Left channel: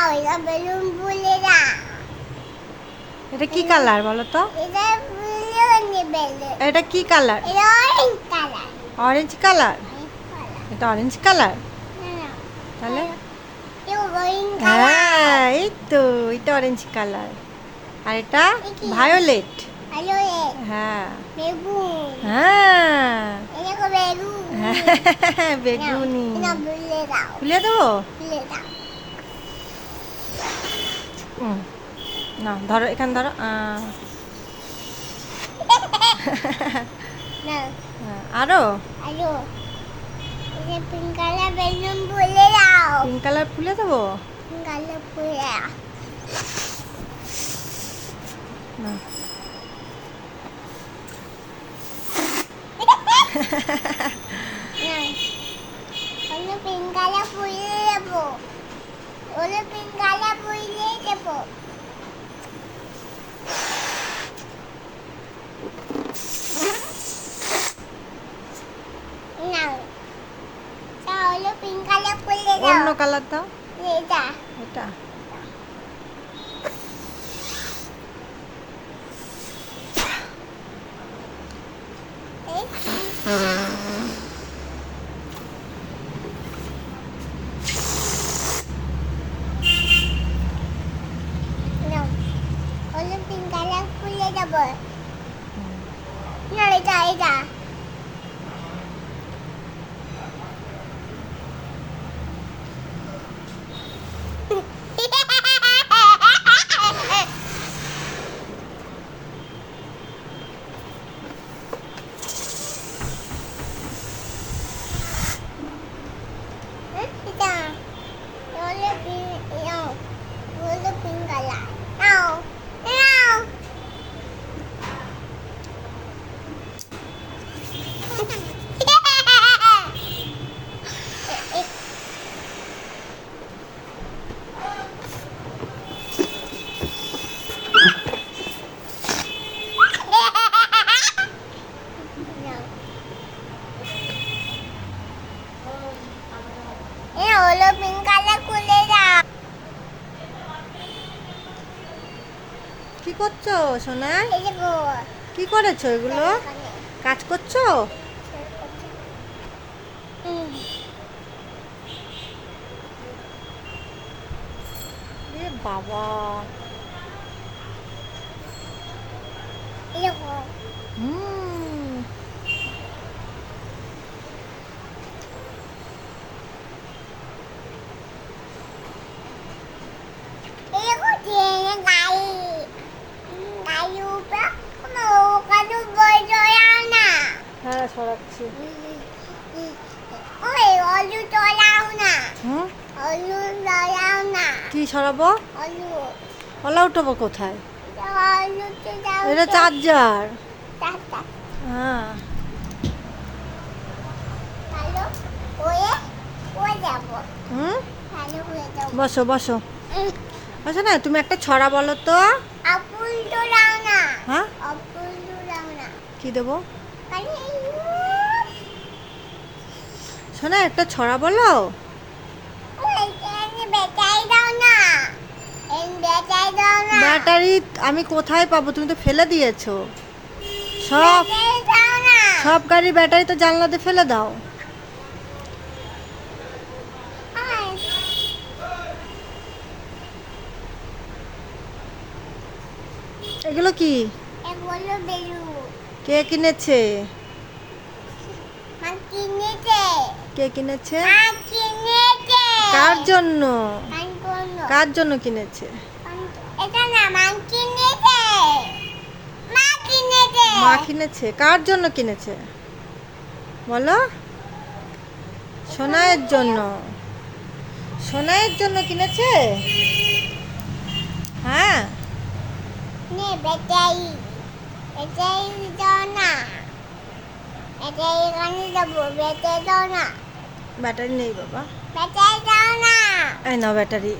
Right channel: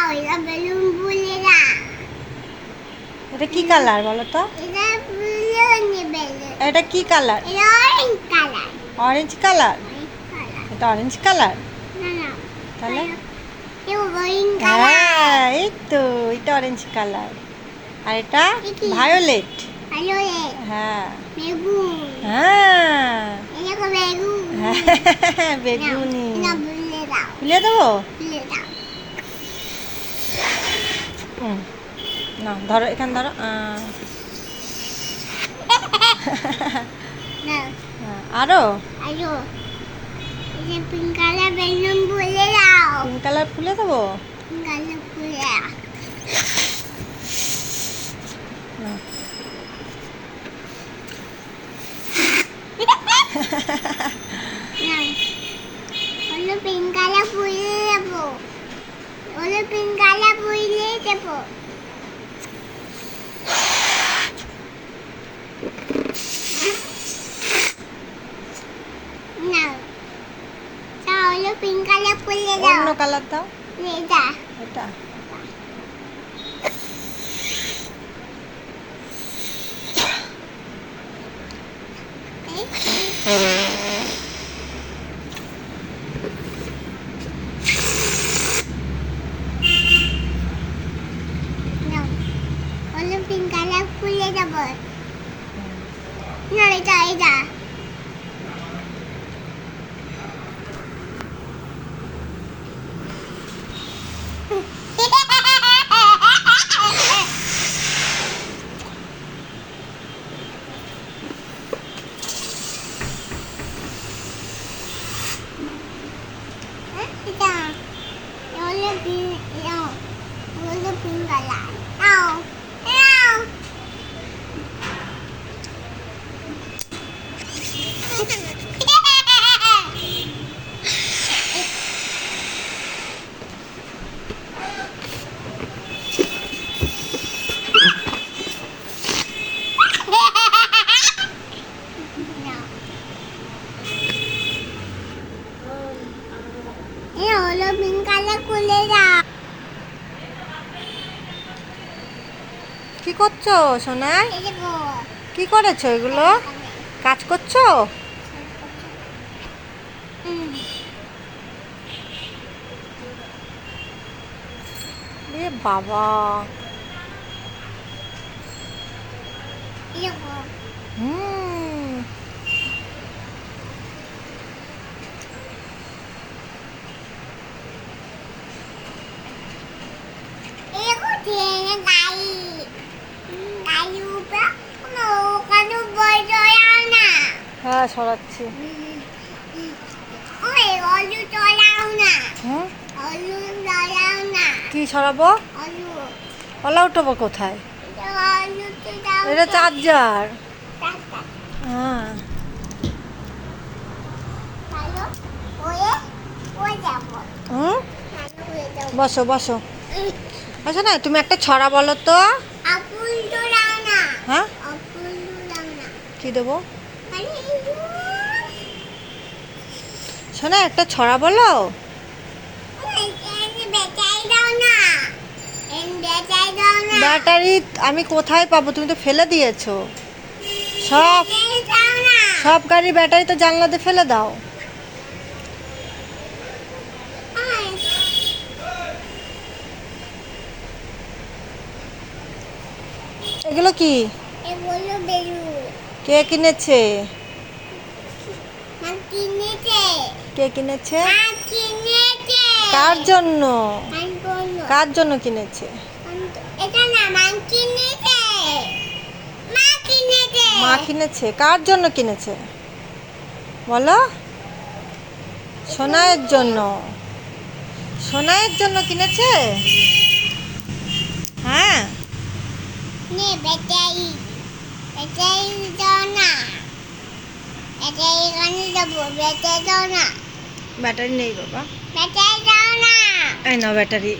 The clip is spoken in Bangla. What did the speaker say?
দাও বেলুন দাও এটা কি কালার বলো তো? এটা বেলুন বেলুন। এটা কি কালার? এটা অরেঞ্জ কালার। Orange colour? এটা অরেঞ্জ কালার? না না। তাহলে? হ্যাঁ এই তো এটা অরেঞ্জ কালার। আর এটা ভায়োলেট হ্যাঁ। বেগুন। হ্যাঁ। এটা বেগুনি। খুলে দেবো। না ধরো এখানে ধরো হ্যাঁ, আরও? এটা পিঙ্ক কালার বেলুন ফুলে দাও। পিঙ্ক কালার খুলে দেবো? পিঙ্ক কালার ফুলে না। পিঙ্ক কালার ফুলে দেবো। হলো পিঙ্ক কালার ফুলে দেবো। না। তাহলে পিঙ্ক কালার অন্য কালার দাও। এটা এটা No. হলো পিঙ্ক কালার ফুলে দেবো না এটা এটা এটা হলো পিঙ্ক হলো পিঙ্ক কালার নাও নাও এ হলো পিঙ্ক কালার খুলে দাও কি করছ সোনাই কি করেছ এগুলো? কাজ করছ? বাবা। হুম। হ্যাঁ সরাচ্ছি কি সরাবো? অলু উঠবো কোথায়? এটা চার্জার। হ্যাঁ। হুম? বসো বসো। বসো না তুমি একটা ছড়া বলো তো। হ্যাঁ? কি দেবো? শোনা একটা ছড়া বলো। ব্যাটারি আমি কোথায় পাবো? তুমি তো ফেলে দিয়েছ। সব সব গাড়ির ব্যাটারি তো জানলাতে ফেলে দাও। এগুলো কি? কে কিনেছে মা কিনেছে কে কিনেছে? কার জন্য? কার জন্য? কিনেছে? মা কিনেছে। কার জন্য কিনেছে? বলো। সোনাইয়ের জন্য। সোনাইয়ের জন্য কিনেছে? হ্যাঁ। নে বেটাই বেটাই দাও না। বেটাই এখানে দেবো বেটাই দাও না। ব্যাটারি নেই বাবা। বেটাই দাও না। এই নাও ব্যাটারি।